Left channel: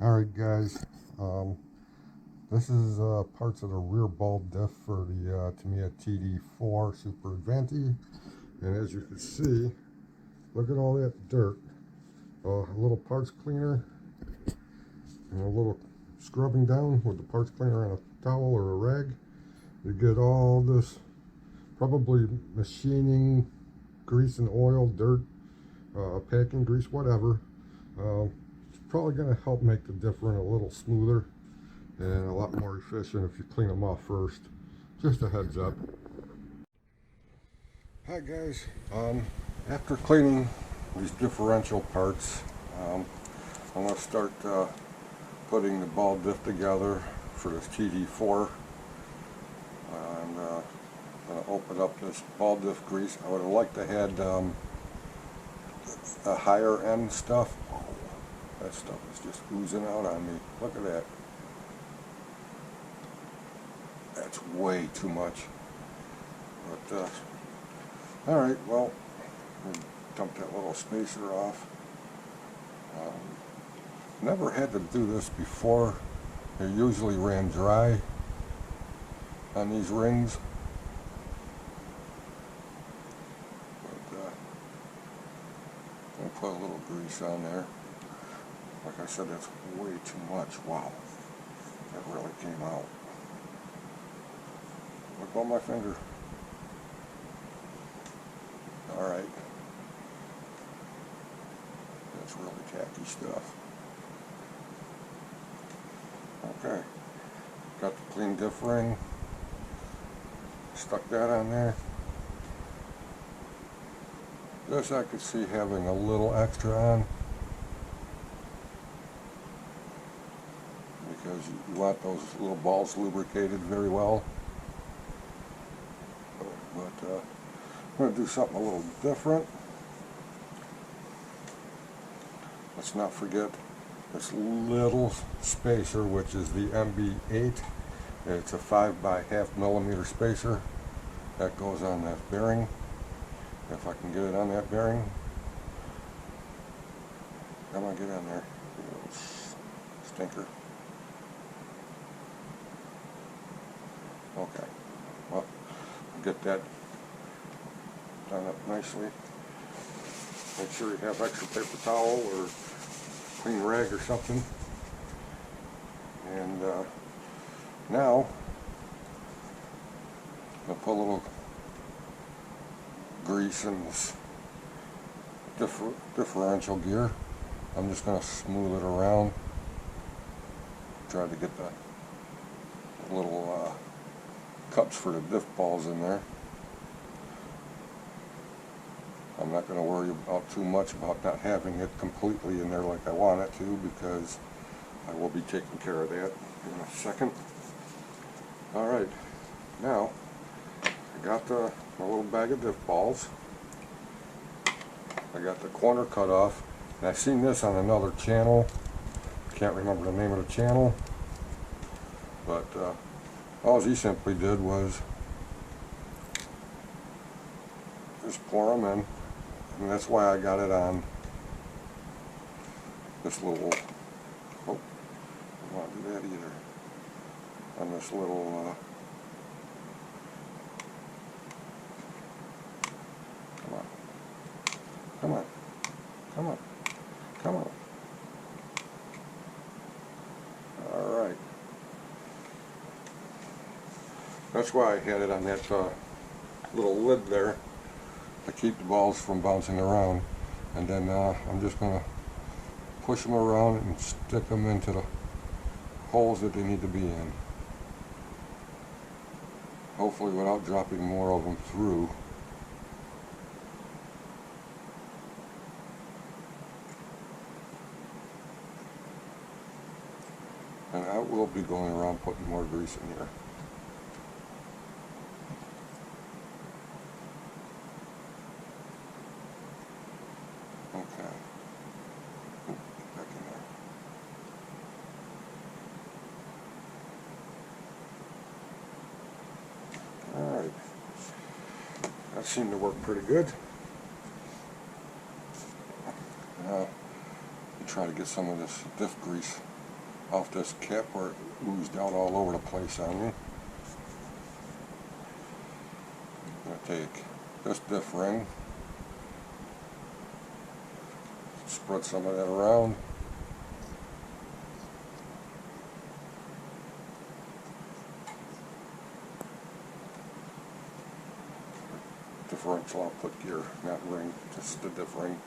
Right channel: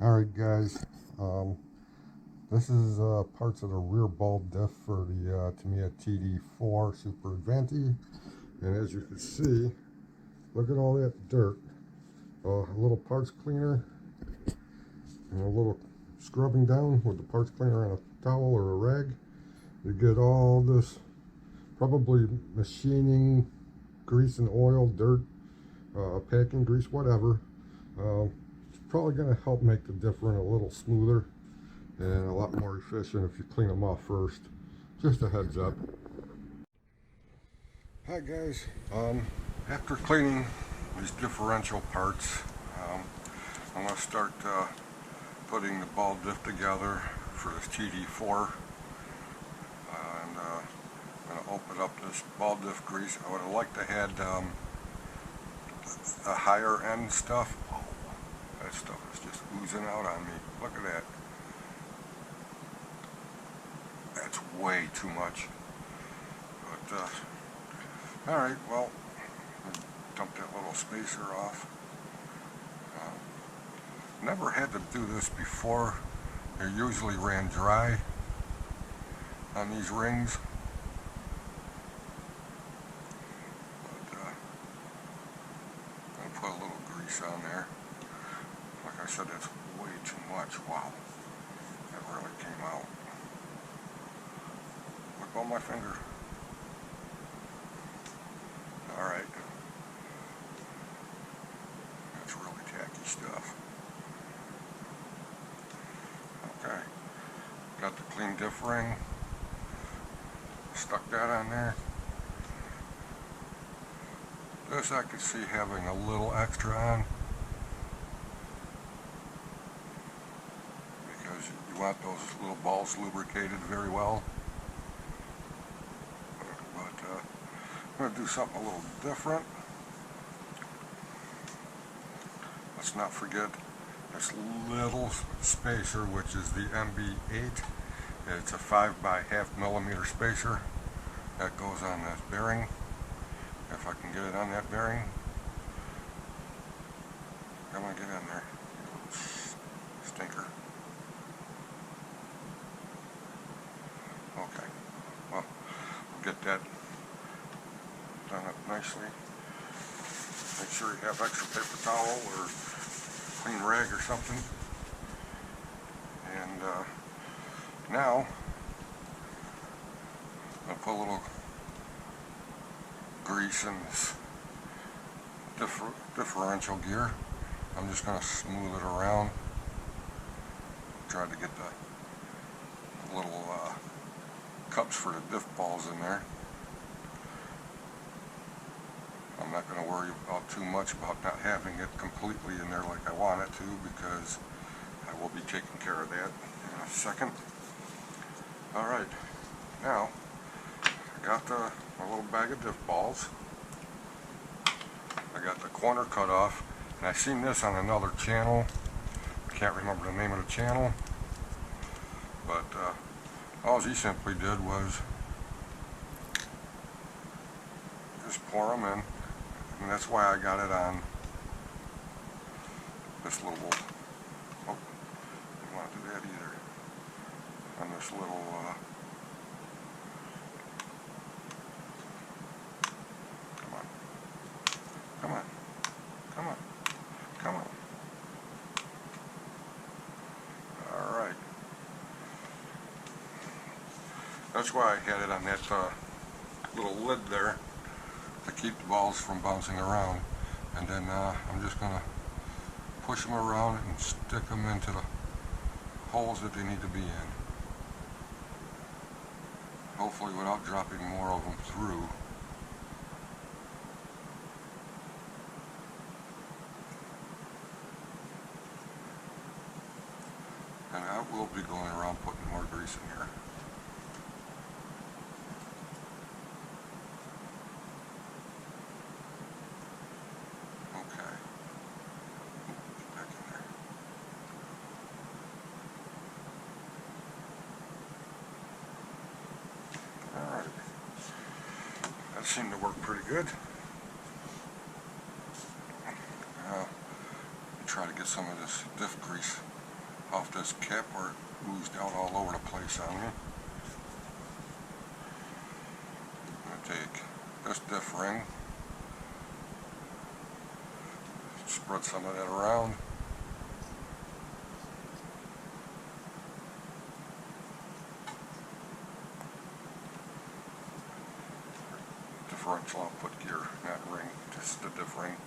Alright guys, this is parts of the rear ball diff for the Tamiya TD4 Super Avante, and as you can see, look at all that dirt. A little parts cleaner and a little scrubbing down with the parts cleaner on a towel or a rag. You get all this probably machining, grease and oil, dirt, packing grease, whatever. It's probably going to help make the diff run a little smoother and a lot more efficient if you clean them off first. Just a heads up. Hi guys, after cleaning these differential parts, I'm going to start putting the ball diff together for this TD4, and I'm going to open up this ball diff grease. I would have liked to had the higher end stuff. Oh, that stuff is just oozing out on me. Look at that. That's way too much. But alright, well, dump that little spacer off. Never had to do this before. They usually ran dry on these rings. But I'm going to put a little grease on there. Like I said, that's way too much. Wow, that really came out. Look on my finger. Alright. That's really tacky stuff. Okay. Got the clean diff ring. Stuck that on there. This I could see having a little extra on, because you want those little balls lubricated very well. But I'm going to do something a little different. Let's not forget this little spacer, which is the MB8. It's a 5x1/2 millimeter spacer that goes on that bearing. If I can get it on that bearing. Come on, get on there, you little stinker. Okay, well, we'll get that done up nicely. Make sure you have extra paper towel or clean rag or something. And now I'm going to put a little grease in this differential gear. I'm just going to smooth it around. Try to get the little cups for the diff balls in there. I'm not going to worry about too much about not having it completely in there like I want it to, because I will be taking care of that in a second. Alright, now I got my little bag of diff balls. I got the corner cut off, and I seen this on another channel. Can't remember the name of the channel, but all he simply did was just pour them in, and that's why I got it on this little, oh, I don't want to do that either, on this little, come on, come on, come on, come on. Alright. That's why I had it on that little lid there to keep the balls from bouncing around. And then I'm just going to push them around and stick them into the holes that they need to be in. Hopefully without dropping more of them through. And I will be going around putting more grease in here. Okay. Ooh, get back in there. Alright. That seemed to work pretty good. Try to get some of this diff grease off this cap where it oozed out all over the place on me. I'm going to take this diff ring, spread some of that around. Differential output gear, not ring, just the diff ring.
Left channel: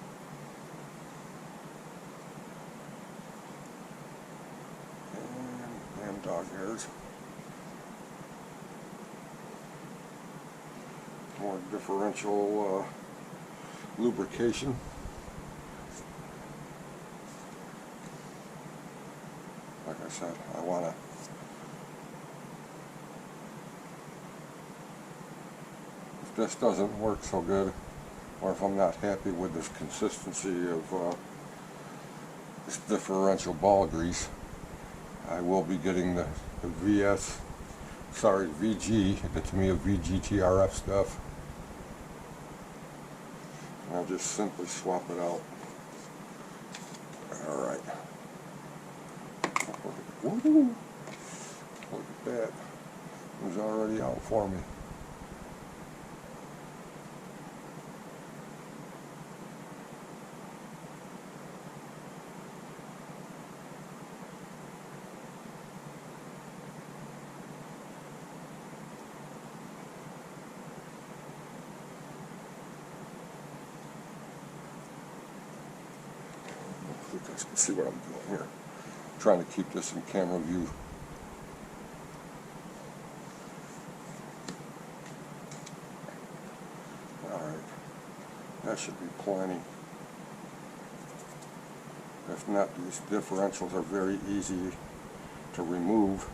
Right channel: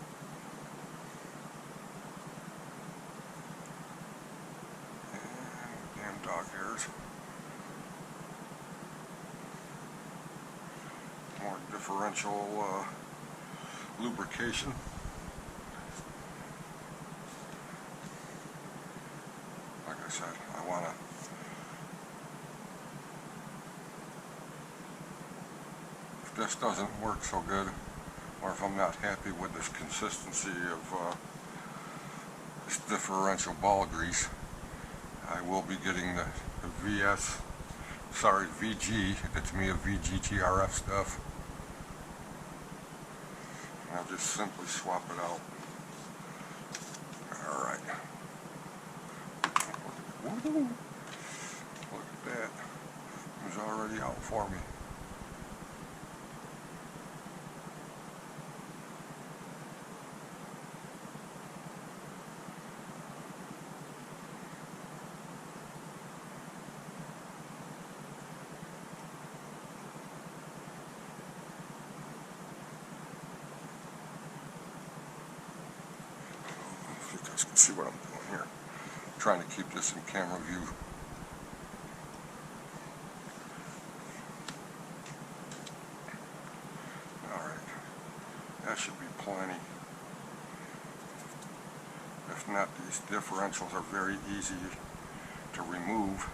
And damn dog hairs. More differential lubrication. Like I said, I want to if this doesn't work so good, or if I'm not happy with this consistency of this differential ball grease, I will be getting the VG, the Tamiya VGTRF stuff. And I'll just simply swap it out. Alright. Woohoo! Look at that. It was already out for me. You guys can see what I'm doing here. I'm trying to keep this in camera view. Alright, that should be plenty. If not, these differentials are very easy to remove,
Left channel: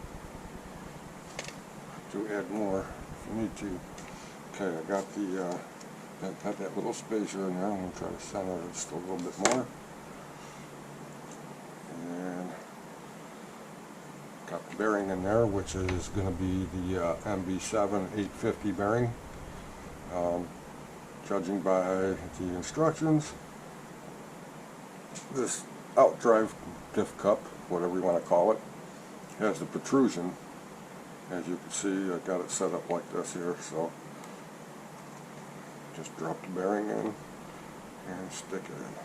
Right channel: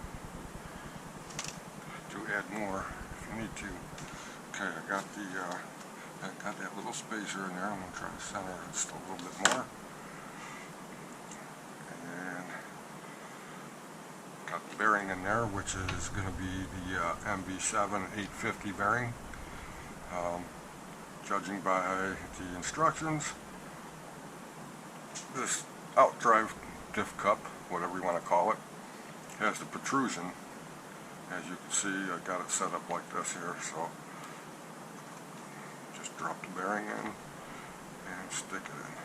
to add more if you need to. Okay, I got that little spacer in there. I'm going to try to center it just a little bit more. And got the bearing in there, which is going to be the MB7 850 bearing. Judging by the instructions, this outdrive diff cup, whatever you want to call it, has the protrusion. As you can see, I got it set up like this here, so just drop the bearing in and stick it in.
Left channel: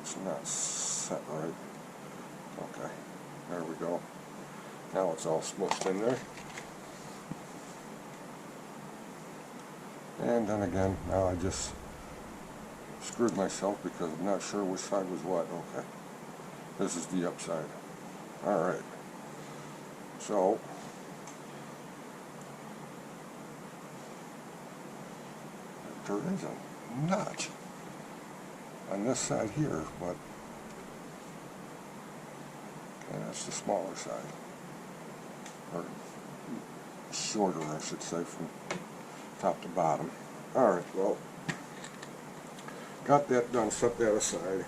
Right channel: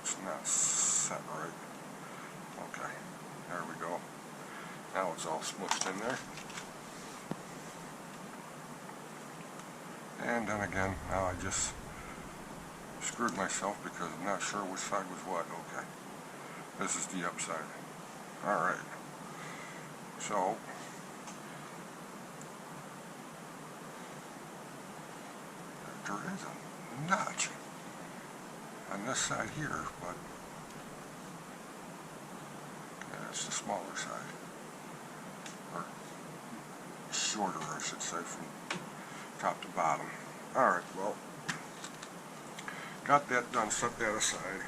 It's not set right. Okay, there we go. Now it's all smushed in there. And then again, now I just screwed myself because I'm not sure which side was what. Okay, this is the upside. Alright, so there is a notch on this side here, but okay, that's the smaller side, or shorter I should say, from top to bottom. Alright, well, got that done, set that aside.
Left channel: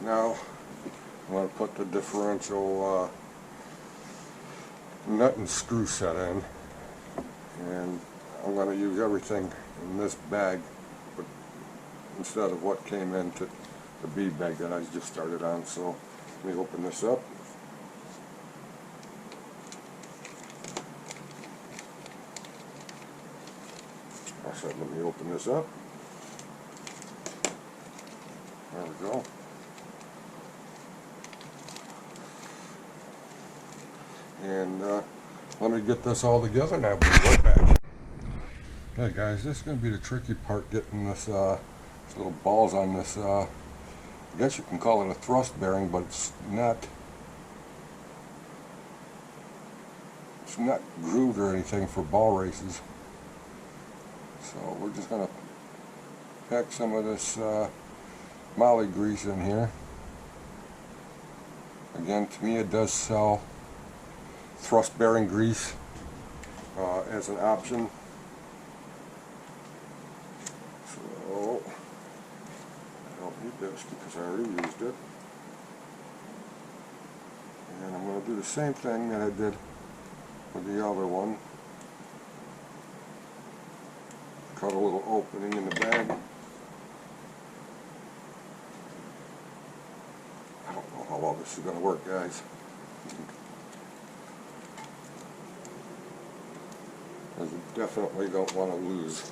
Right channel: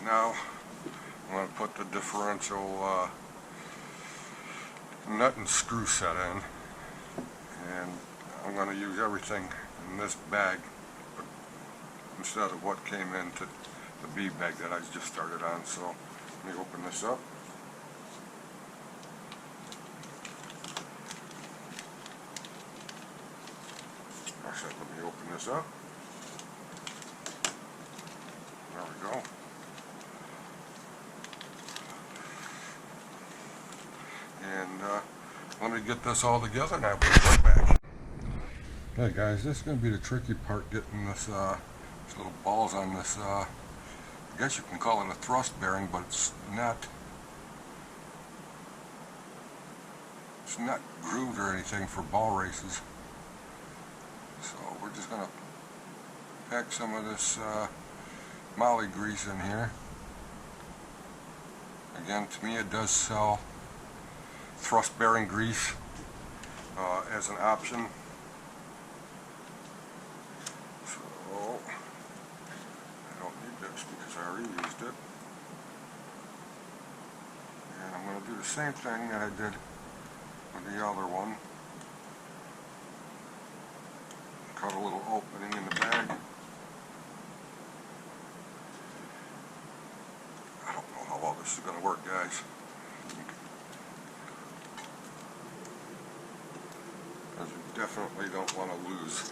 Now I'm going to put the differential nut and screw set in, and I'm going to use everything in this bag, but instead of what came into the B bag that I just started on. So let me open this up. I said let me open this up. There we go. And let me get this all together and I'll be right back. Okay guys, this is going to be the tricky part, getting this these little balls on this, I guess you can call it a thrust bearing, but it's not grooved or anything for ball races. So we're just going to pack some of this moly grease in here. Again, Tamiya does sell thrust bearing grease as an option. So I don't need this because I already used it. And I'm going to do the same thing that I did with the other one. Cut a little opening in the bag. this is going to work, guys. Because you definitely don't want to lose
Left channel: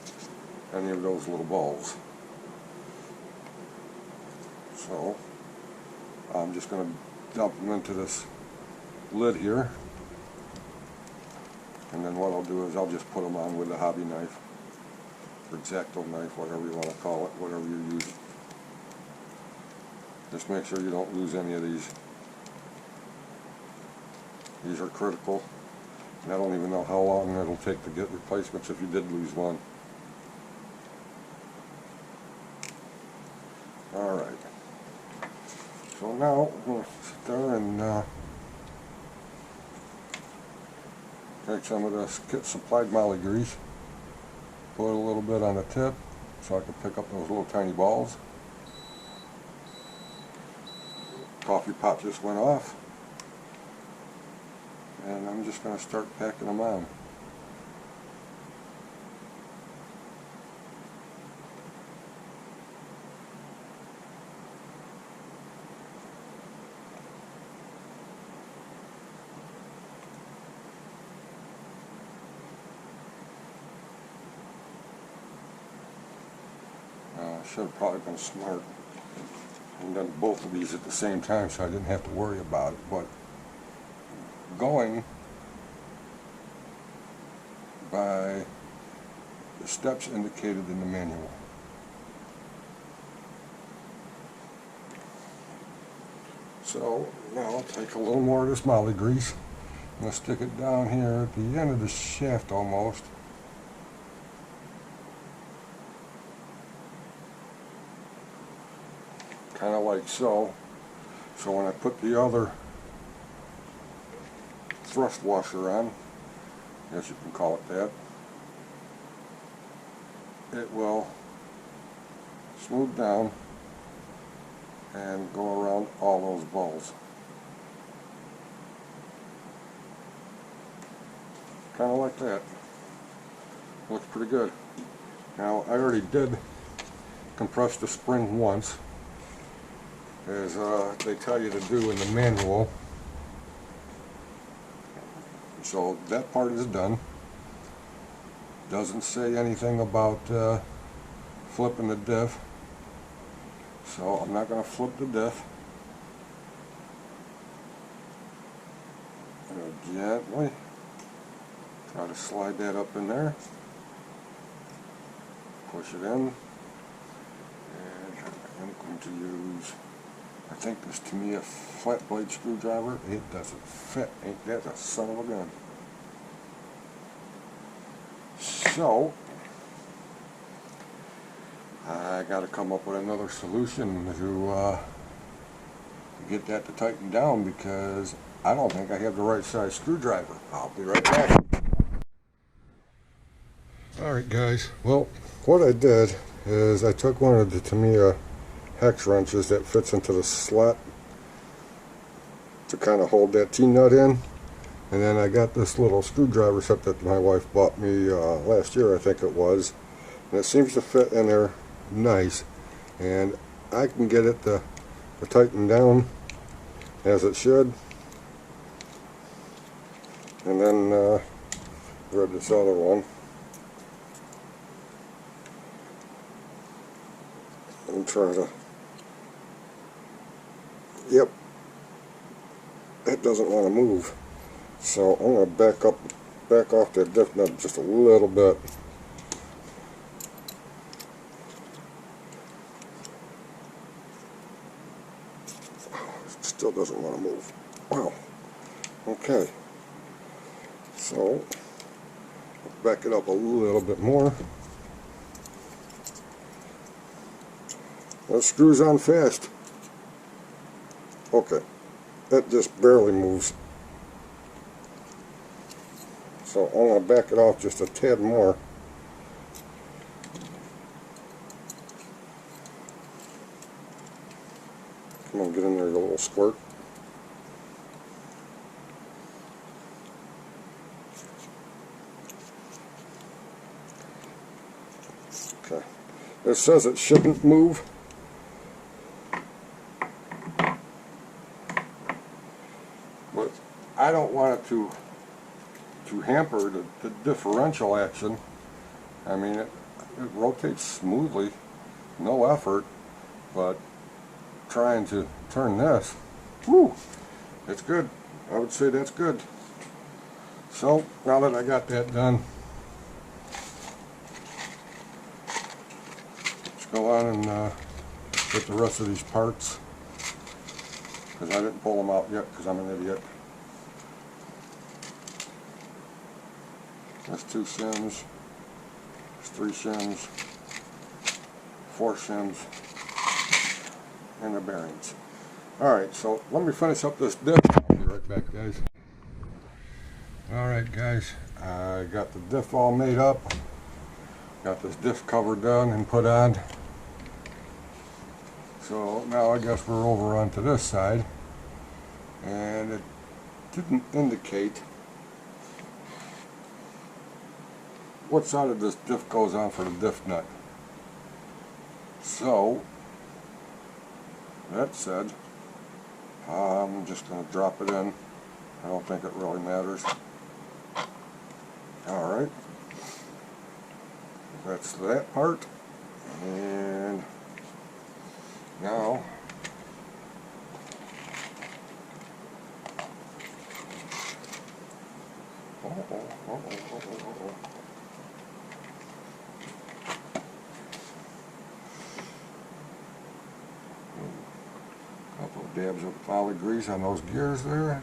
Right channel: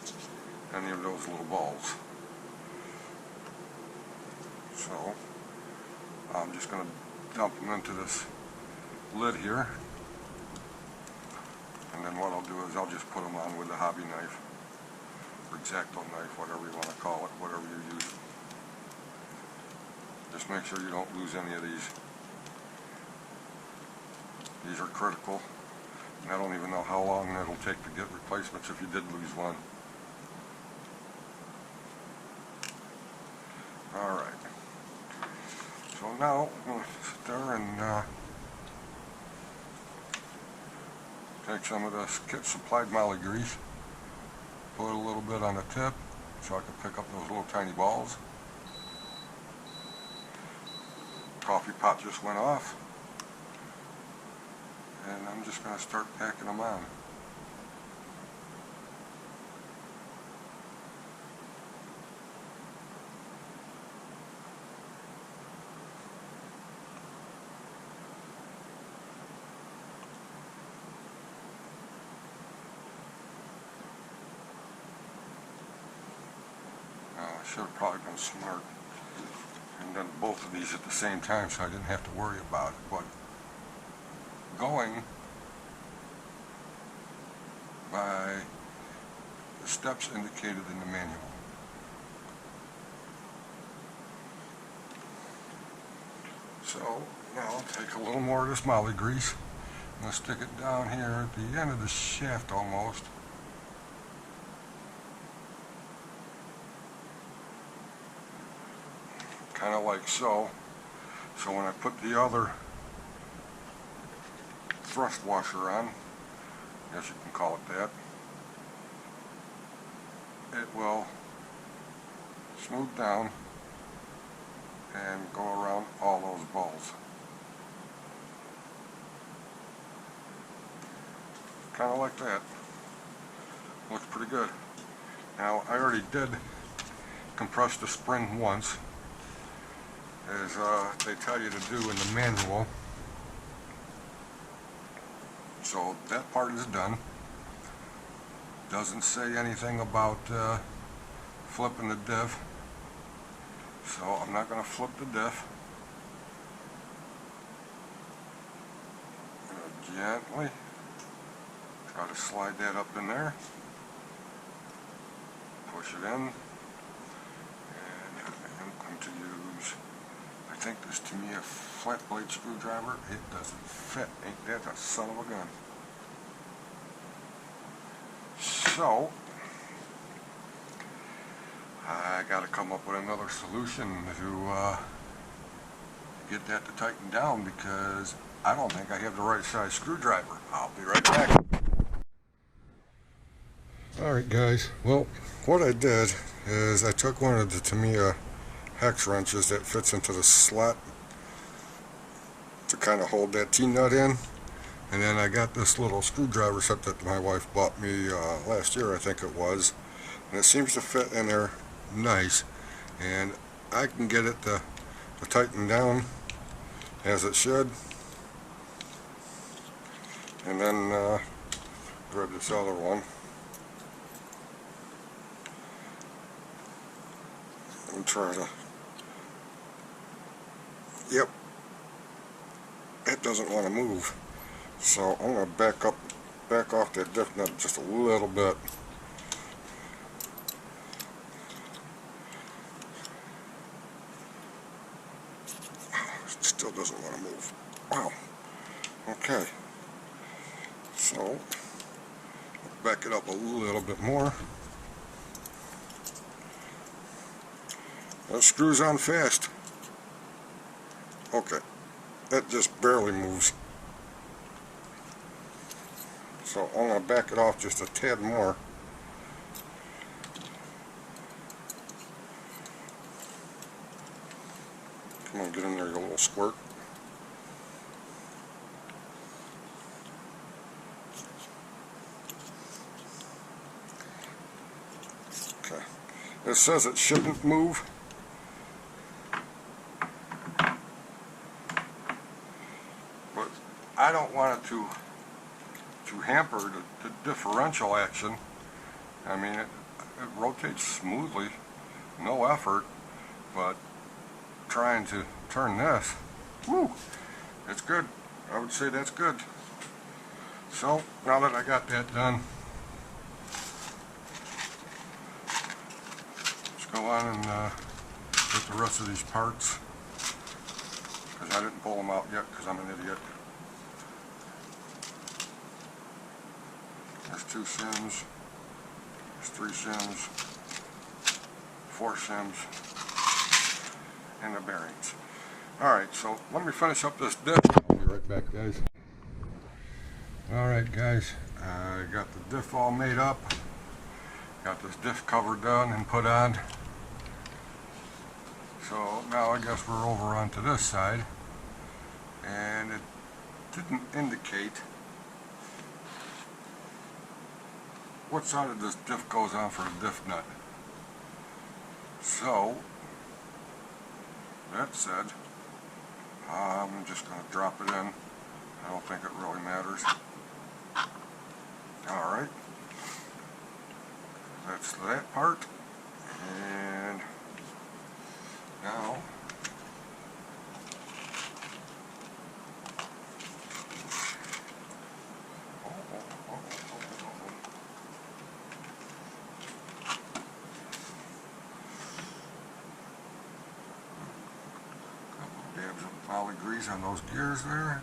any of those little balls. So I'm just going to dump them into this lid here, and then what I'll do is I'll just put them on with a hobby knife or X-Acto knife, whatever you want to call it, whatever you use. Just make sure you don't lose any of these. These are critical, and I don't even know how long it'll take to get replacements if you did lose one. Alright, so now I'm going to sit there and take some of this kit supplied moly grease, put a little bit on the tip so I can pick up those little tiny balls. Coffee pot just went off, and I'm just going to start packing them on. I should have probably been smart and done both of these at the same time so I didn't have to worry about it, but going by the steps indicated in the manual. So now I'll take a little more of this moly grease. I'm going to stick it down here at the end of the shaft almost. Kind of like so. So when I put the other thrust washer on, I guess you can call it that, it will smooth down and go around all those balls. Kind of like that. Looks pretty good. Now I already did compress the spring once, as they tell you to do in the manual. So that part is done. Doesn't say anything about flipping the diff, so I'm not going to flip the diff. I'm going to gently try to slide that up in there, push it in, and I'm going to use, I think, this Tamiya flat blade screwdriver. It doesn't fit. Ain't that a son of a gun? So I got to come up with another solution to get that to tighten down, because I don't think I have the right size screwdriver. I'll be right back. Alright guys, well, what I did is I took one of the Tamiya hex wrenches that fits into the slot to kind of hold that T-nut in, and then I got this little screwdriver set that my wife bought me last year, I think it was, and it seems to fit in there nice, and I can get it to tighten down as it should, and then grab this other one and try to, yep, it doesn't want to move. So I'm going to back off that diff nut just a little bit. It still doesn't want to move. Wow. Okay. So I'll back it up a little bit more. That screws on fast. Okay. It just barely moves. So I'm going to back it off just a tad more. Come on, get in there, you little squirt. Okay. It says it shouldn't move. I don't want it to hamper the differential action. I mean, it rotates smoothly, no effort, but trying to turn this, whoo, it's good. I would say that's good. So now that I got that done, let's go on and get the rest of these parts, because I didn't pull them out yet because I'm an idiot. There's 2 shims, there's 3 shims, 4 shims, and the bearings. Alright, so let me finish up this diff. I'll be right back, guys. Alright guys, I got the diff all made up. Got this diff cover done and put on. So now I guess we're over onto this side. And it didn't indicate what side of this diff goes on for the diff nut. So, that said, I'm just going to drop it in. I don't think it really matters. Alright, that's that part. And now, couple of dabs of volley grease on those gears there.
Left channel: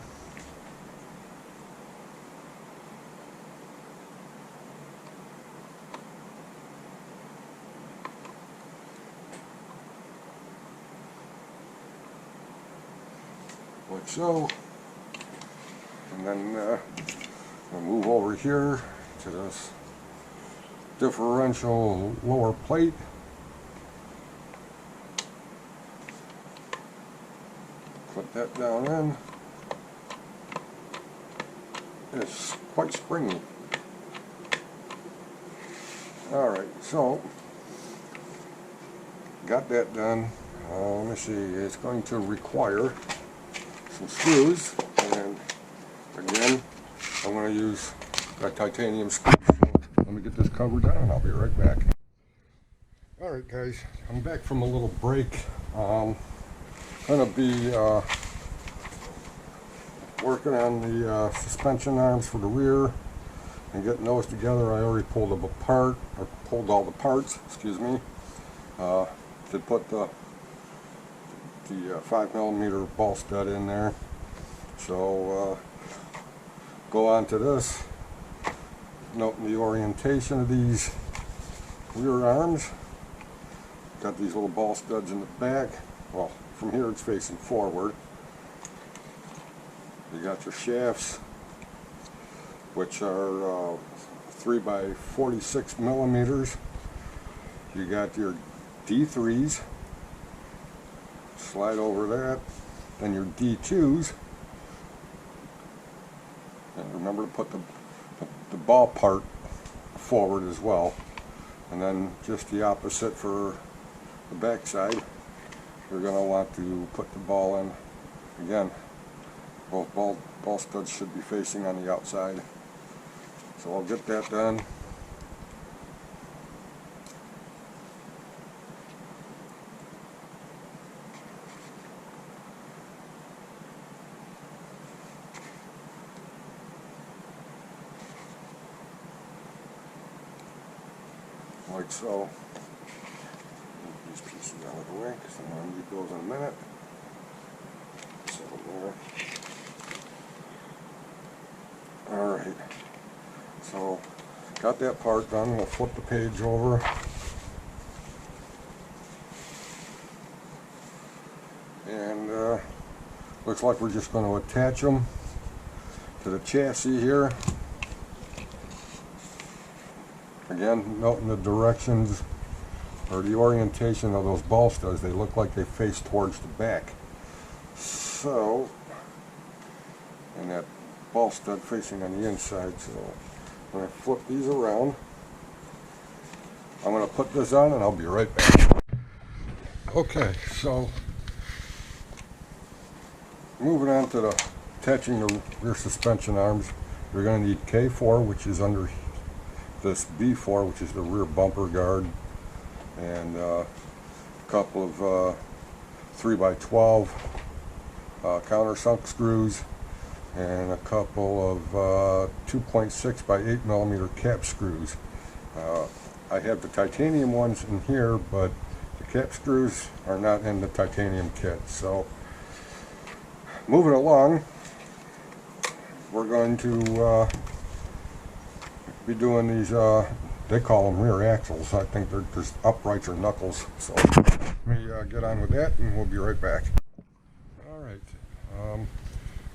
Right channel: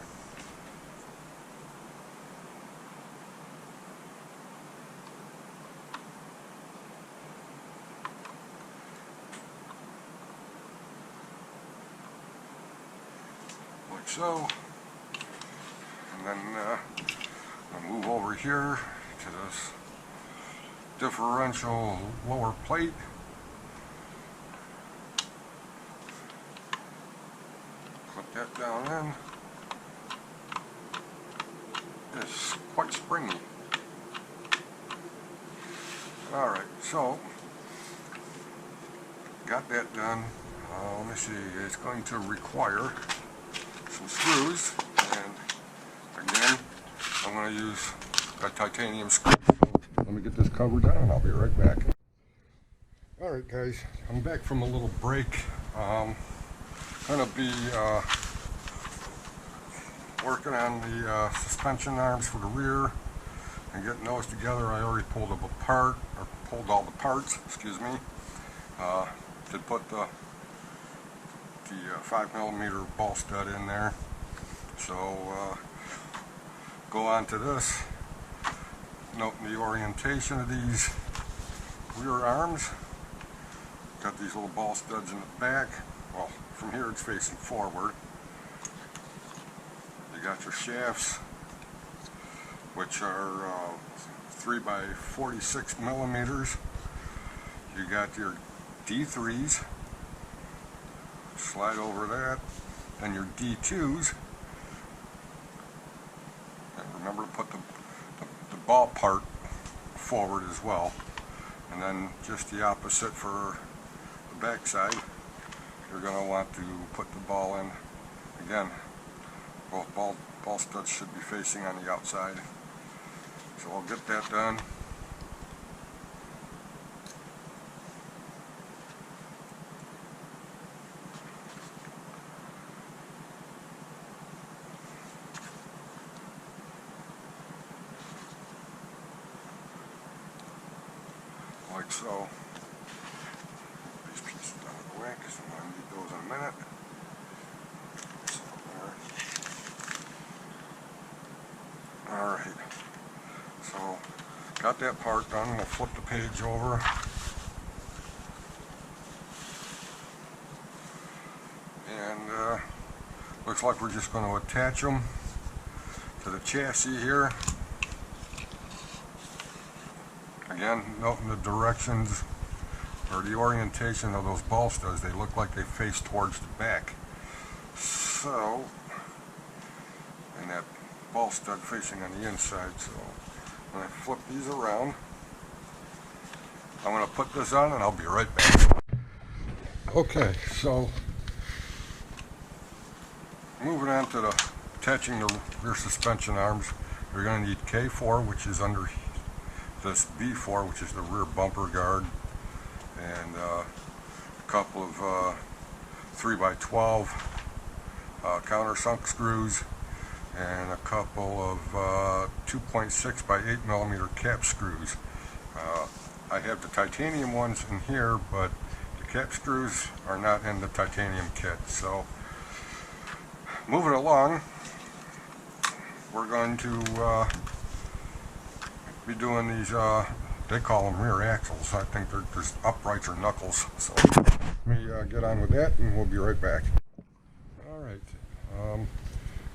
Like so. And then we'll move over here to this differential lower plate. Clip that down in. It's quite springy. Alright, so got that done. Let me see, it's going to require some screws, and again I'm going to use a titanium screw. So let me get this cover down and I'll be right back. Alright guys, I'm back from a little break. Going to be working on the suspension arms for the rear and getting those together. I already pulled them apart, or pulled all the parts, excuse me, to put the 5mm ball stud in there. So go on to this, noting the orientation of these rear arms. Got these little ball studs in the back. Well, from here it's facing forward. You got your shafts, which are 3 by 46mm. You got your D3s, slide over that, then your D2s, and remember to put the ball part forward as well, and then just the opposite for the back side. You're going to want to put the ball in, again, both ball studs should be facing on the outside. So I'll get that done. Like so. Move these pieces out of the way because I'm going to need those in a minute. So there. Alright. So got that part done. We'll flip the page over. And looks like we're just going to attach them to the chassis here. Again, noting the directions or the orientation of those ball studs. They look like they face towards the back. So, and that ball stud facing on the inside. So when I flip these around, I'm going to put this on and I'll be right back. Okay, so moving on to the attaching the rear suspension arms, you're going to need K4, which is under this B4, which is the rear bumper guard, and a couple of 3x12 countersunk screws, and a couple of 2.6 by 8 millimeter cap screws. I have the titanium ones in here, but the cap screws are not in the titanium kit. So moving along, we're going to be doing these, they call them rear axles. I think they're just uprights or knuckles. So let me get on with that, and we'll be right back. Alright,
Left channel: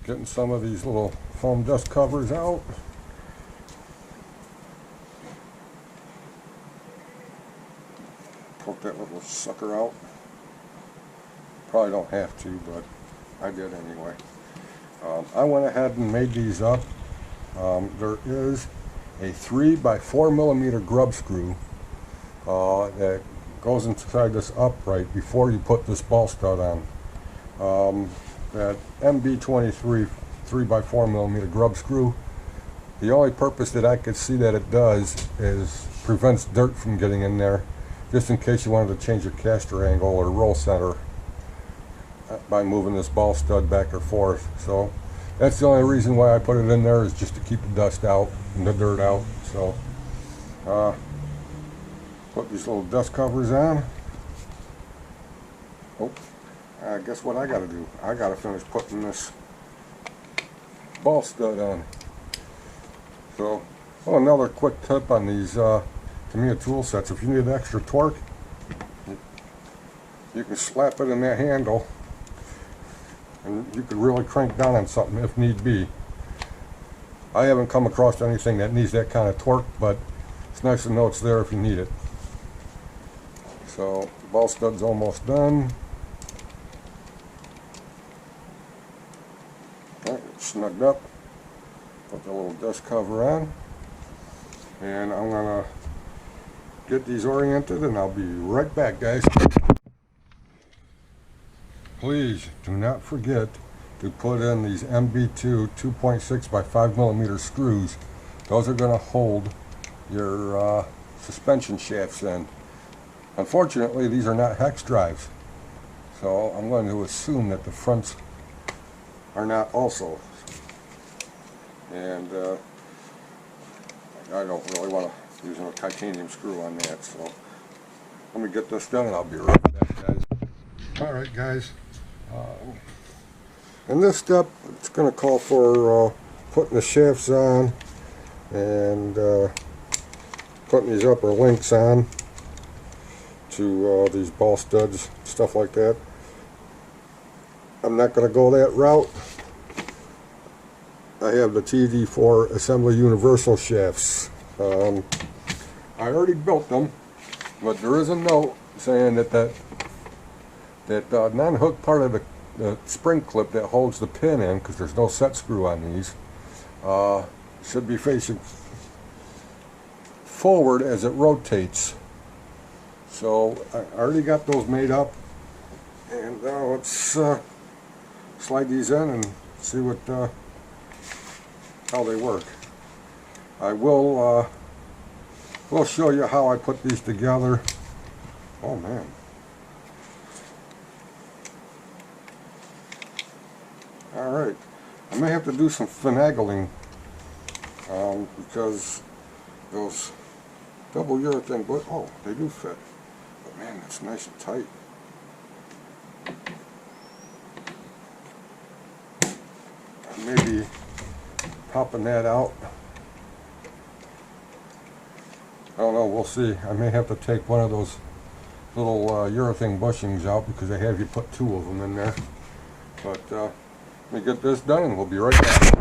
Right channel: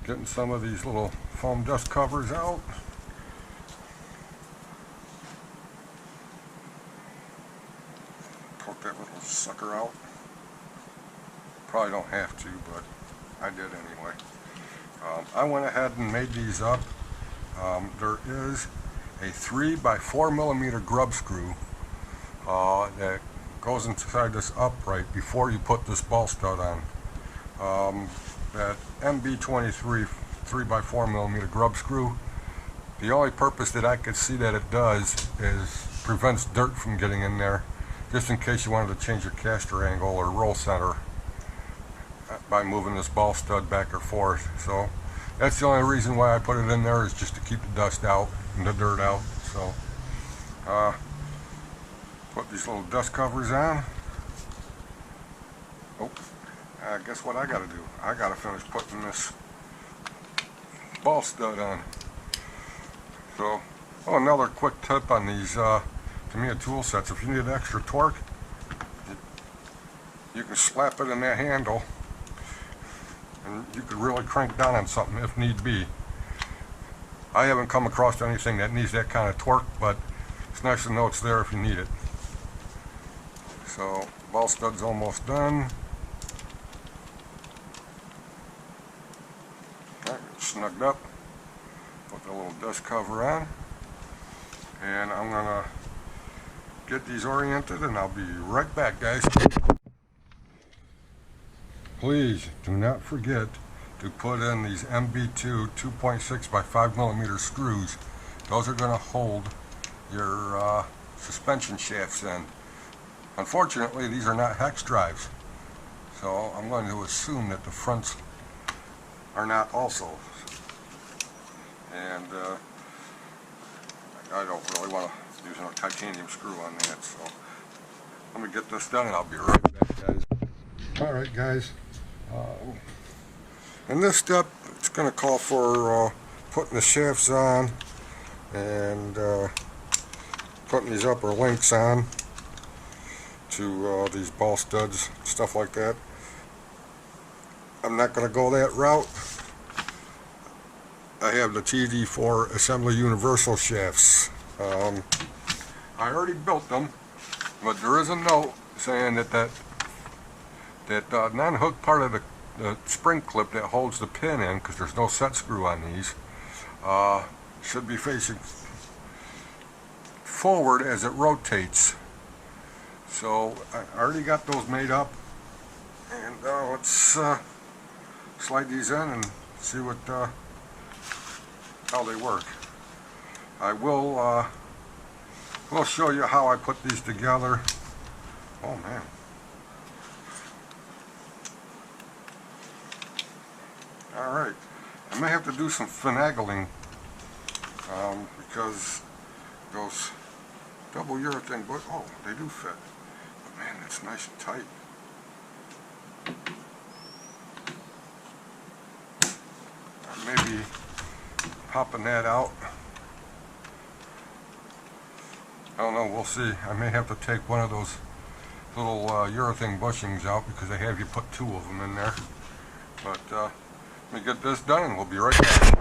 getting some of these little foam dust covers out. Poke that little sucker out. Probably don't have to, but I did anyway. I went ahead and made these up. There is a 3x4 millimeter grub screw that goes inside this upright before you put this ball stud on. That MB23 3x4 millimeter grub screw, the only purpose that I could see that it does is prevents dirt from getting in there, just in case you wanted to change your caster angle or roll center by moving this ball stud back or forth. So that's the only reason why I put it in there, is just to keep the dust out and the dirt out. So put these little dust covers on. Oh, guess what I gotta do? I gotta finish putting this ball stud on. So, another quick tip on these Tamiya tool sets: if you need extra torque, you can slap it in that handle, and you could really crank down on something if need be. I haven't come across anything that needs that kind of torque, but it's nice to know it's there if you need it. So, ball stud's almost done. Alright, it's snugged up. Put the little dust cover on, and I'm gonna get these oriented, and I'll be right back, guys. Please do not forget to put in these MB2 2.6 by 5 millimeter screws. Those are going to hold your suspension shafts in. Unfortunately, these are not hex drives, so I'm going to assume that the fronts are not also. And I don't really want to use a titanium screw on that, so let me get this done and I'll be right back, guys. Alright, guys. In this step, it's going to call for putting the shafts on and putting these upper links on to these ball studs, stuff like that. I'm not going to go that route. I have the TD4 assembly universal shafts. I already built them, but there is a note saying that non-hook part of the spring clip that holds the pin in, because there's no set screw on these, should be facing forward as it rotates. So I already got those made up, and let's slide these in and see what how they work. I will show you how I put these together. Oh man. Alright, I may have to do some finagling because those double urethane, but oh, they do fit. But man, it's nice and tight. Maybe popping that out. I don't know, we'll see. I may have to take one of those little urethane bushings out, because they have you put two of them in there. But let me get this done and we'll be right back.